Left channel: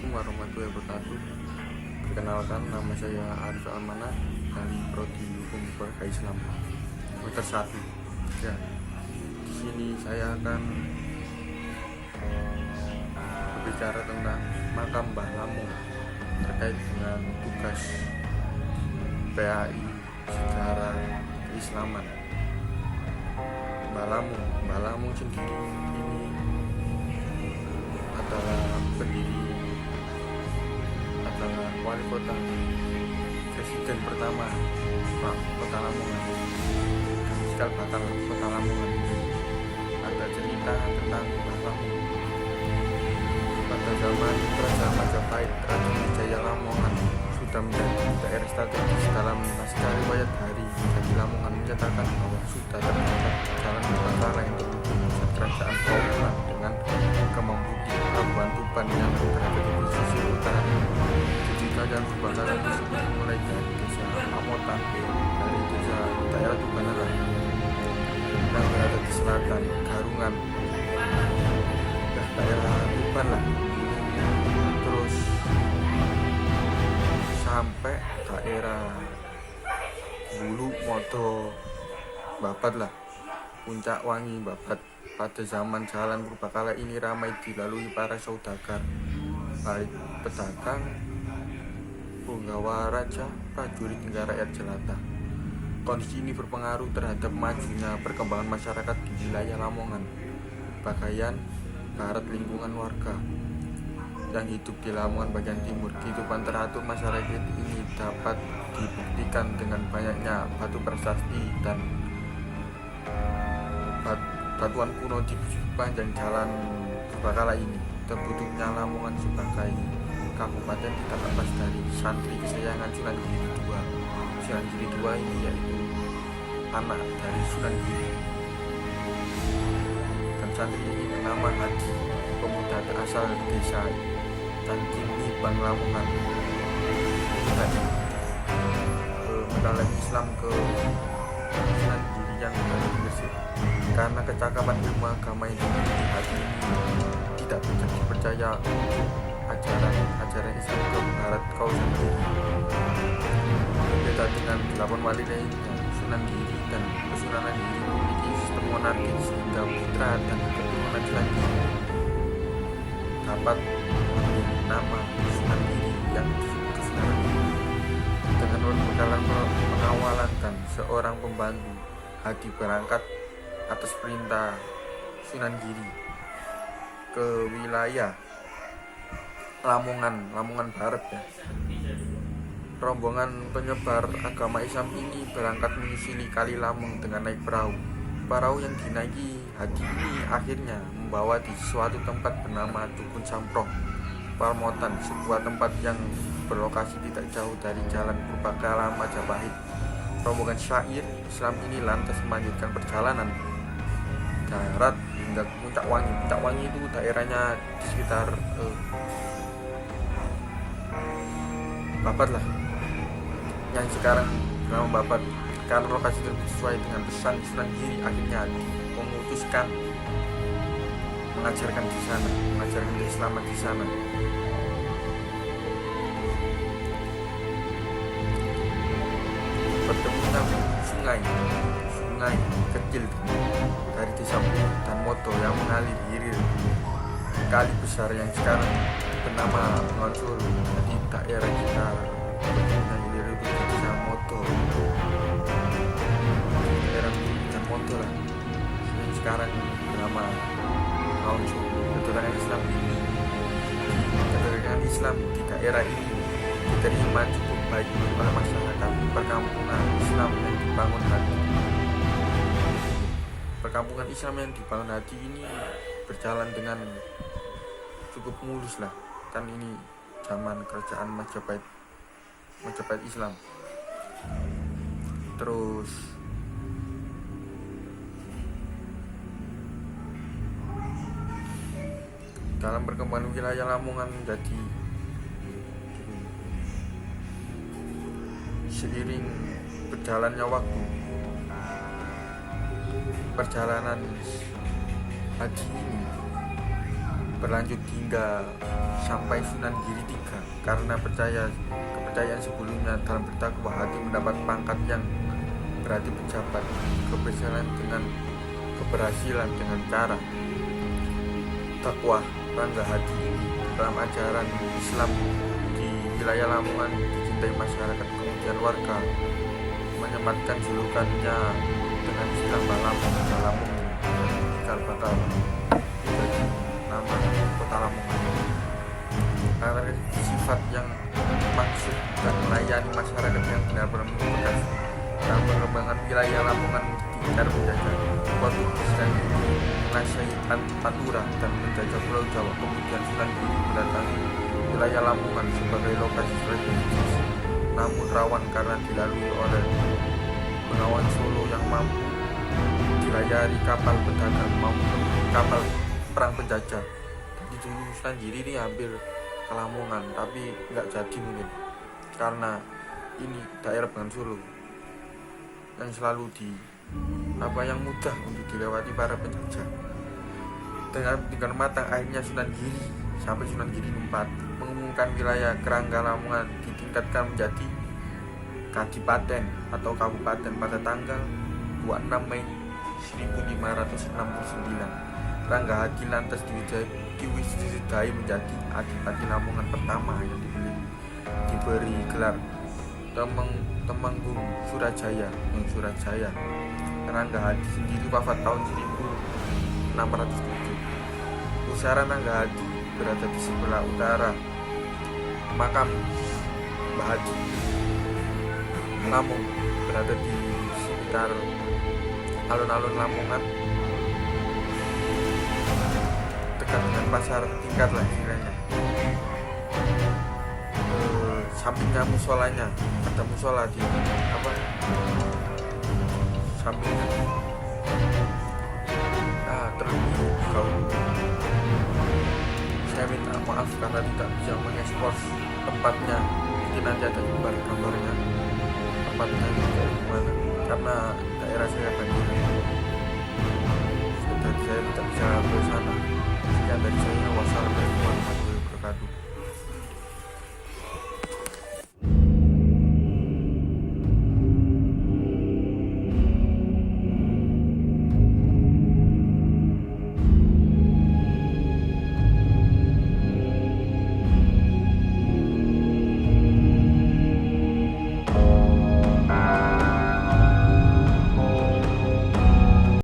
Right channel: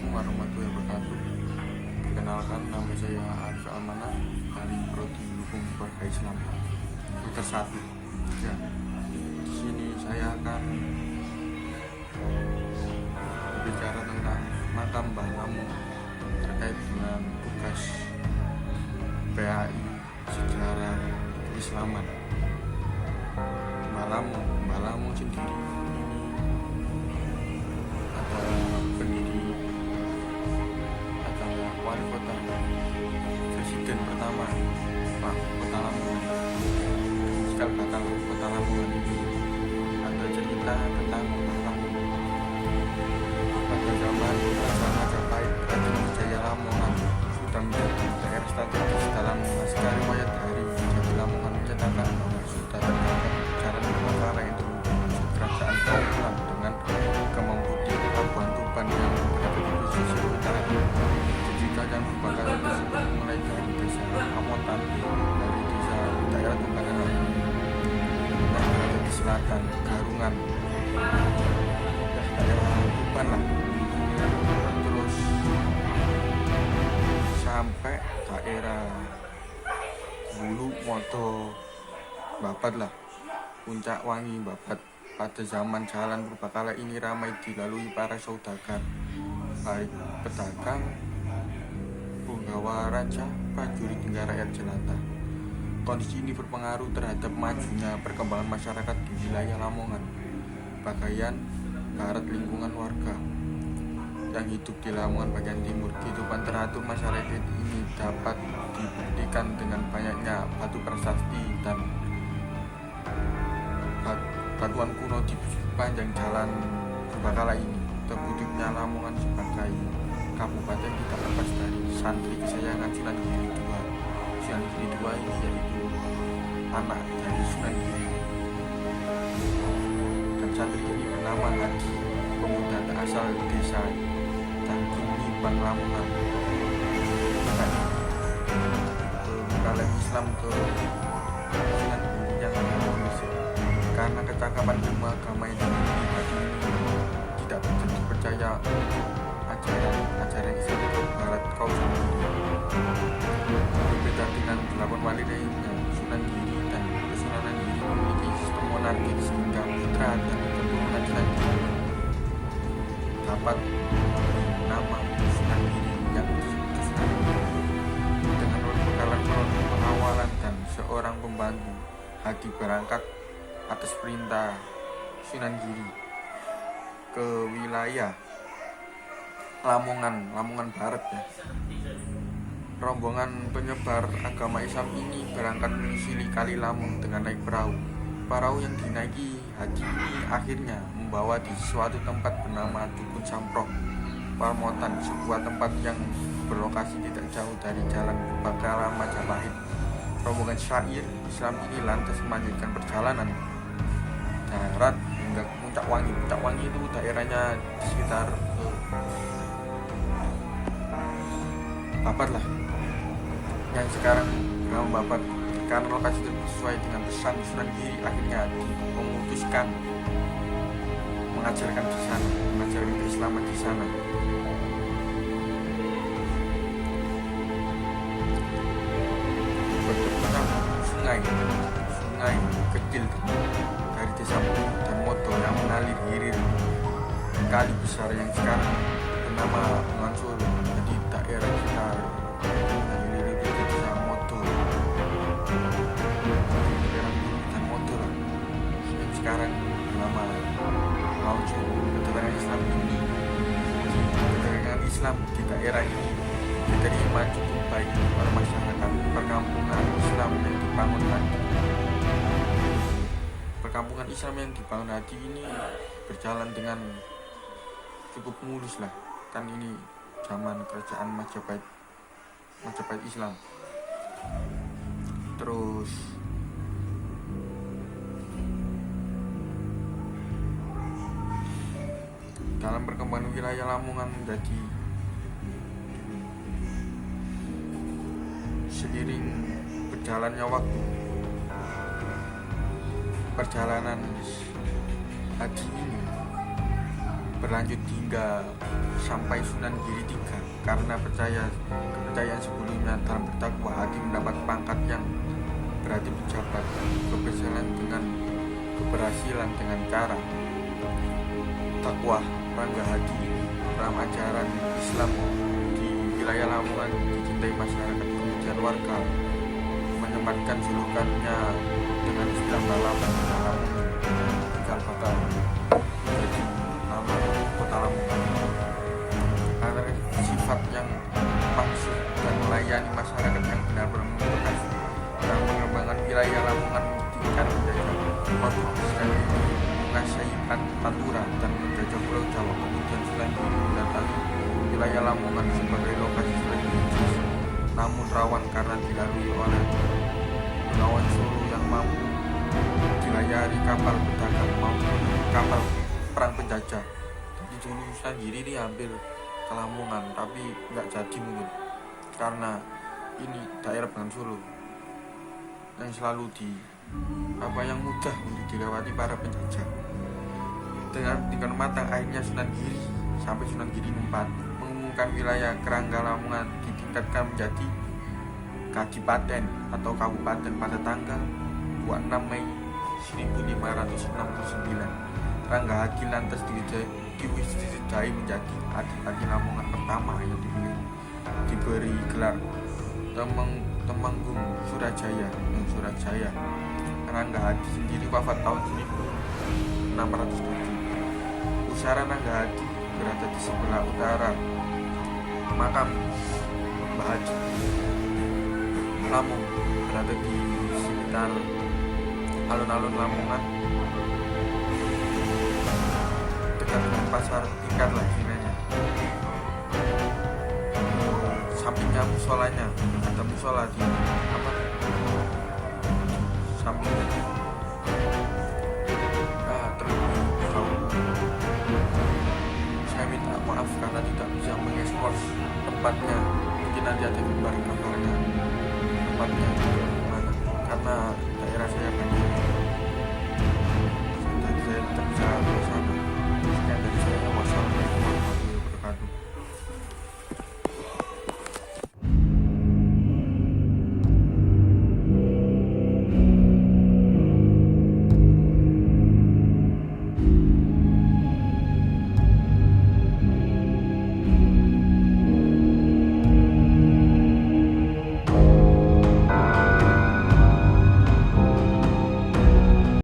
Assalamualaikum warahmatullahi wabarakatuh. Perkenalkan, nama saya Arif Almana dari Prodi Hukum Keluarga Islam semester 1. Ya, di sini saya akan berbicara tentang makam Mbah Lamun terkait dengan tugas PAI sejarah keislaman. Mbah Lamun sendiri ini adalah wali kota presiden pertama kota Lamongan, cikal bakal kota Lamongan itu. Ada cerita tentang Mbah Lamun pada zaman Kerajaan Majapahit. Raden Wijaya Lamongan sudah menjadi daerah strategis. Dalam naskah riwayat Hari Jadi Lamongan menyatakan bahwa sudah terdapat jalan Purbakala yang terhubung kerajaan Kaupulan dengan Kemang Putih, Pelabuhan Tuban yang berada di pesisir utara. Jadi kerajaan Purbakala tersebut mulai dari desa Amotan, dari desa daerah Tubanan yang berada di selatan, Garungan, daerah Tuban lah, terus sampai daerah Bulu Modo, Babat lah, Puncak Wangi, Babat. Pada zaman jalan Purbakala ini ramai dilalui para saudagar, baik pedagang, punggawa raja, prajurit hingga rakyat jelata. Kondisi ini berpengaruh terhadap majunya perkembangan masyarakat di wilayah Lamongan, bagian barat lingkungan warga yang hidup di Lamongan bagian timur. Kehidupan teratur masyarakat ini dapat dibuktikan dengan banyaknya batu prasasti dan batuan kuno di sepanjang jalan Purbakala ini. Terbentuknya Lamongan sebagai kabupaten tidak lepas dari santri kesayangan Sunan Giri II. Sunan Giri II ini yaitu anak dari Sunan Giri, dan santri ini bernama Haji, pemuda asal desa Cangkini, Bang Lamongan. Mempelai Islam ke Sunan Giri yang ada di Gresik. Karena kecakapan ilmu agama yang dimiliki Haji ini tidak bisa dipercaya untuk ajaran Islam ke barat kawasan Giri. Berbeda dengan 8 wali lainnya, Sunan Giri dan Kesunanan Giri memiliki sistem monarki sehingga putra dan keturunan Sunan Giri dapat mengambil nama Sunan Giri yang Kesunanan Giri. Dengan perbekalan pengawalan dan seorang pembantu, Hadi berangkat atas perintah Sunan Giri ke wilayah Lamongan Barat ya. Rombongan penyebar agama Islam ini berangkat menyusuri Kali Lamong dengan naik perahu. Perahu yang dinaiki Hadi ini akhirnya membawa di suatu tempat bernama Dukun Samproh Parmotan, sebuah tempat yang berlokasi tidak jauh dari jalan Purbakala Majapahit. Rombongan syair Islam ini lantas melanjutkan perjalanan darat hingga ke Puncak Wangi. Puncak Wangi itu daerahnya di sekitar Babat lah, yang sekarang bernama Babat. Karena lokasi tersebut sesuai dengan pesan Sunan Giri, akhirnya memutuskan mengajarkan keislaman di sana. Bertemunya sungai kecil dari desa Bulu dan Modo yang mengalir hilir kali besar yang sekarang bernama Bengawan Solo. Jadi daerah sekitar hilir itu di desa Modo, daerah Bulu dan Modo lah, yang sekarang bernama Bengawan Solo. Kedatangan Islam di daerah ini diterima cukup baik oleh masyarakat. Perkampungan Islam yang dibangun Hadi ini berjalan dengan cukup mulus lah, kan ini zaman kerajaan Majapahit Islam. Terus dalam perkembangan wilayah Lamongan menjadi seiring berjalannya waktu, perjalanan Haji ini berlanjut hingga sampai Sunan Giri 3 karena kepercayaan sebelumnya dalam bertakwa hati mendapat pangkat yang berarti pejabat, keberhasilan dengan cara takwa. Rangga Hadi ini dalam ajaran Islam di wilayah Lamongan dicintai masyarakat, kemudian warga menyematkan julukannya dengan istilah Balamung cikal bakal jadi nama kota Lamongan karena sifat yang maksud dan melayani masyarakat yang benar-benar membekas dan mengembangkan wilayah Lamongan tingkat menjajah Portugis dan menguasai Pantura dan menjajah Pulau Jawa. Kemudian Sunan Giri mendatangi wilayah Lamongan sebagai lokasi strategis namun rawan karena dilalui oleh Bengawan Solo yang mampu dilayari kapal pedagang maupun kapal perang penjajah. Jadi dulu Sunan Giri ini hampir ke Lamongan tapi nggak jadi mungkin karena ini daerah Bengawan Solo yang selalu yang mudah untuk dilewati para penjajah. Dengan matang akhirnya Sunan Giri sampai Sunan Giri 4 mengumumkan wilayah Kerangga Lamongan ditingkatkan menjadi Kadipaten atau Kabupaten pada tanggal 26 Mei 1569. Rangga Hadi lantas diwisdai menjadi Adipati Lamongan pertama yang diberi gelar Temenggung Surajaya. Rangga Hadi sendiri wafat tahun 1607. Pusara Rangga Hadi berada di sebelah utara makam Mbah Hadi. Lampung berada di sekitar alun-alun Lamongan, dekat dengan pasar tingkat lah istilahnya. Sampingnya musolanya, ada musola di sampingnya. Terlebih saya minta maaf karena tidak bisa mengekspos tempatnya. Mungkin nanti ada gambarnya tempatnya juga mana karena daerah saya banjir. Saya tidak bisa ke sana. Sekian dari saya. Wassalamualaikum warahmatullahi wabarakatuh.